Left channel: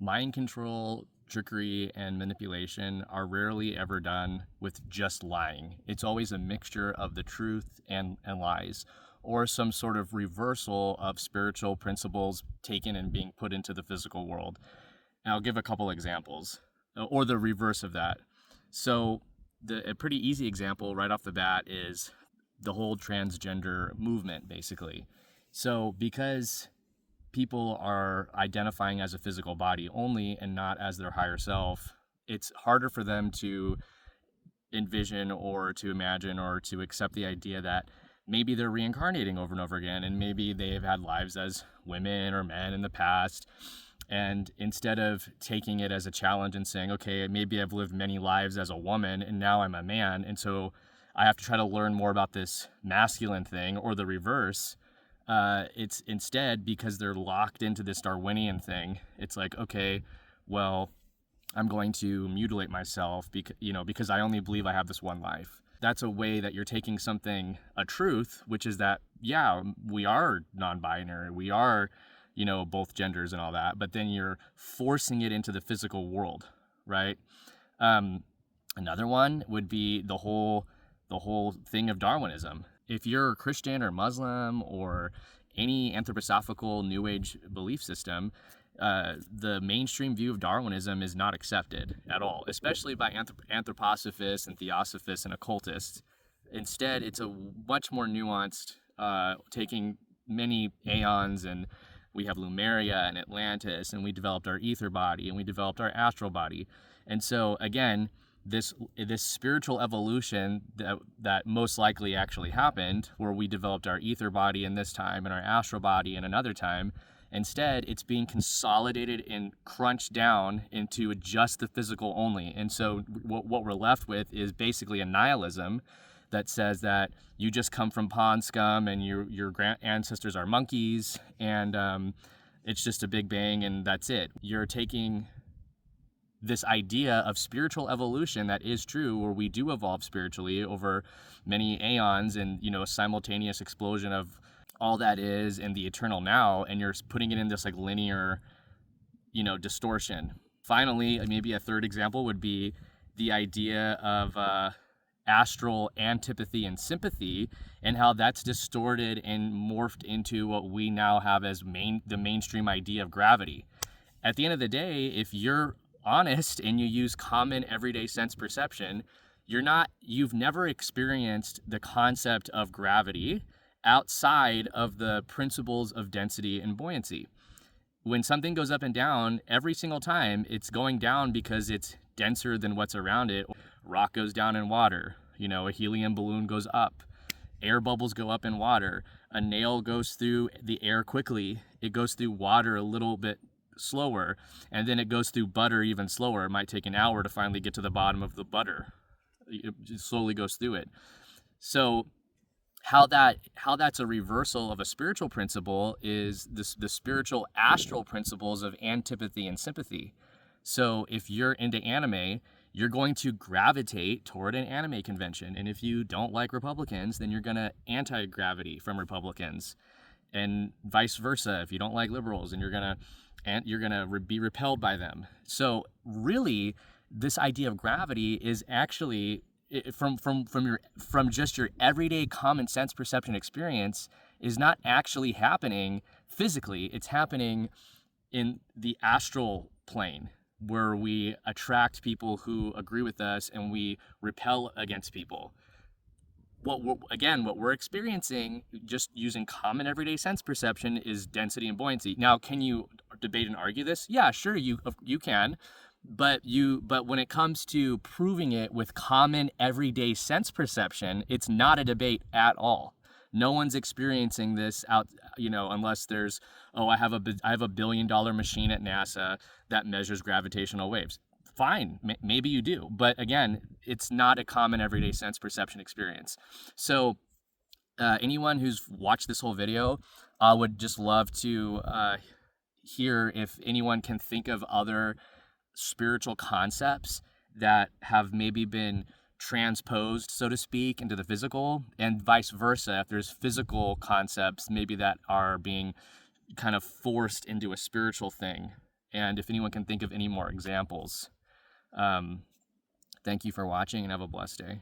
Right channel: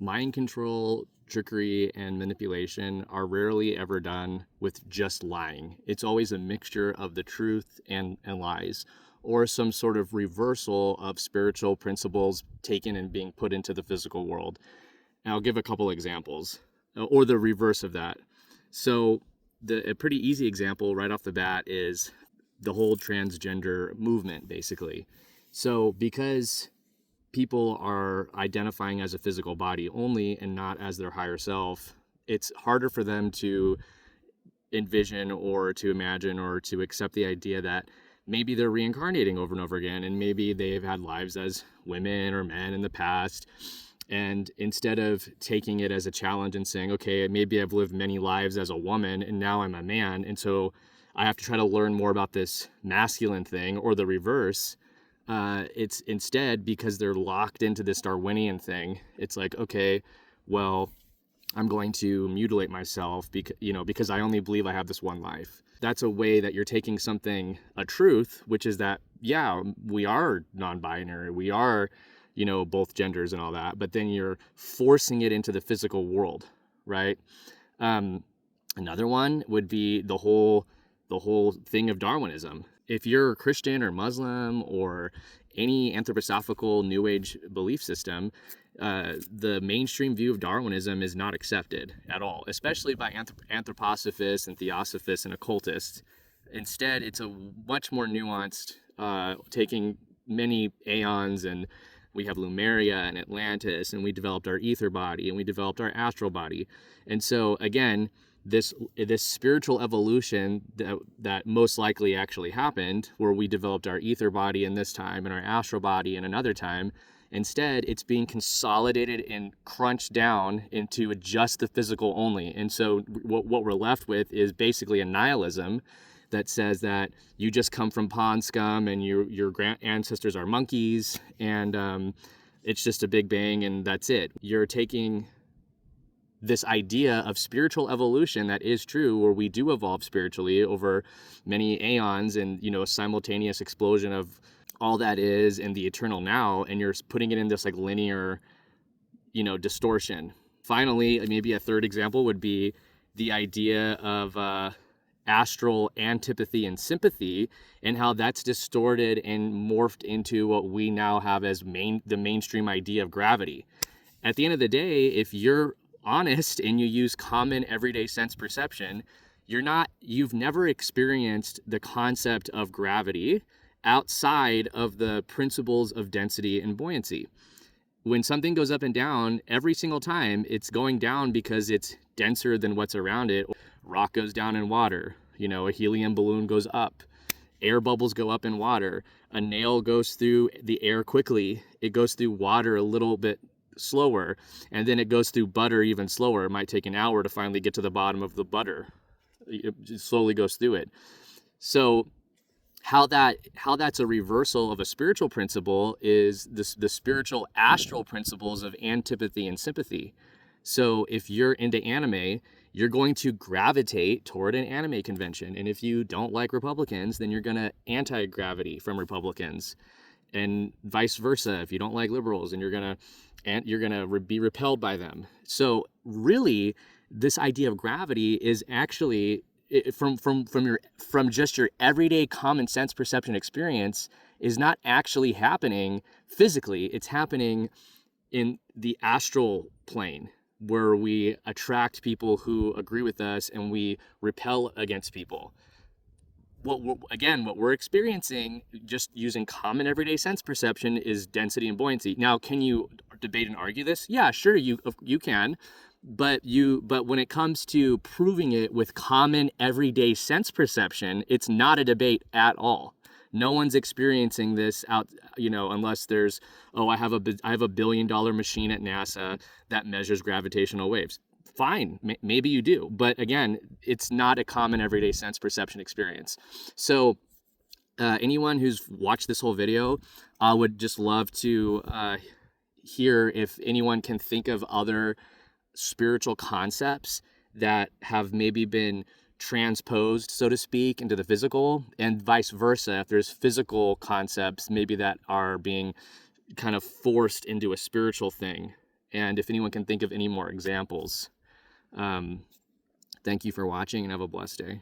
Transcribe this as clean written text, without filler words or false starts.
mind control, trickery, and manipulation are rarely ever done with just lying. It's always a mixture of the truth and lies, or some sort of reversal of spiritual principles taken and being put into the physical world. And I'll give a couple examples, or the reverse of that. So a pretty easy example right off the bat is the whole transgender movement, basically. So because people are identifying as a physical body only and not as their higher self, it's harder for them to envision or to imagine or to accept the idea that maybe they're reincarnating over and over again, and maybe they've had lives as women or men in the past. And instead of taking it as a challenge and saying, okay, maybe I've lived many lives as a woman and now I'm a man, and so I have to try to learn more about this masculine thing, or the reverse, it's instead, because they're locked into this Darwinian thing, it's like, okay, well, I'm going to mutilate myself because I only believe I have this one life. That's a way that you're taking something, a truth, which is that, yeah, we are non-binary, we are, both genders and all that, but then you're forcing it into the physical world, right? Another one would be the whole thing of Darwinism. If you're Christian or Muslim or any anthroposophical New Age belief system, the mainstream view of Darwinism is not accepted at all, especially by anthroposophists and theosophists and occultists. Instead, it's a much more nuanced, taking many aeons, and we have Lemuria and Atlantis, and we developed our ether body, and we developed our astral body. And so, again, this spiritual evolution that most likely actually happened, where we developed our ether body in this time and our astral body in another time, instead it's being consolidated and crunched down into just the physical only. And so what we're left with is basically a nihilism that says that you just come from pond scum and your ancestors are monkeys, and it's just a big bang and that's it. You're taking this idea of spiritual evolution that is true, where we do evolve spiritually over many aeons, and a simultaneous explosion of all that is in the eternal now, and you're putting it in this like linear distortion. Finally, maybe a third example would be the idea of astral antipathy and sympathy, and how that's distorted and morphed into what we now have as the mainstream idea of gravity. At the end of the day, if you're honest and you use common everyday sense perception, you've never experienced the concept of gravity outside of the principles of density and buoyancy. When something goes up and down, every single time it's going down because it's denser than what's around it. Rock goes down in water, a helium balloon goes up, air bubbles go up in water, a nail goes through the air quickly, it goes through water a little bit slower, and then it goes through butter even slower. It might take an hour to finally get to the bottom of the butter. It slowly goes through it. So how that's a reversal of a spiritual principle is the spiritual astral principles of antipathy and sympathy. So if you're into anime, you're going to gravitate toward an anime convention, and if you don't like Republicans, then you're going to anti-gravity from Republicans, and vice versa. If you don't like liberals, and you're going to be repelled by them. So really, this idea of gravity is actually, from just your everyday common sense perception experience, is not actually happening physically. It's happening in the astral plane, where we attract people who agree with us and we repel against people. What we're experiencing, just using common everyday sense perception, is density and buoyancy. Now, can you debate and argue this? Yeah, sure, you can. But when it comes to proving it with common everyday sense perception, it's not a debate at all. No one's experiencing this out, unless there's, I have a $1 billion machine at NASA that measures gravitational waves. Fine, maybe you do, but again, it's not a common everyday sense perception experience. So anyone who's watched this whole video, I would just love to hear if anyone can think of other spiritual concepts that have maybe been transposed, so to speak, into the physical, and vice versa. If there's physical concepts maybe that are being kind of forced into a spiritual thing. And if anyone can think of any more examples, thank you for watching and have a blessed day.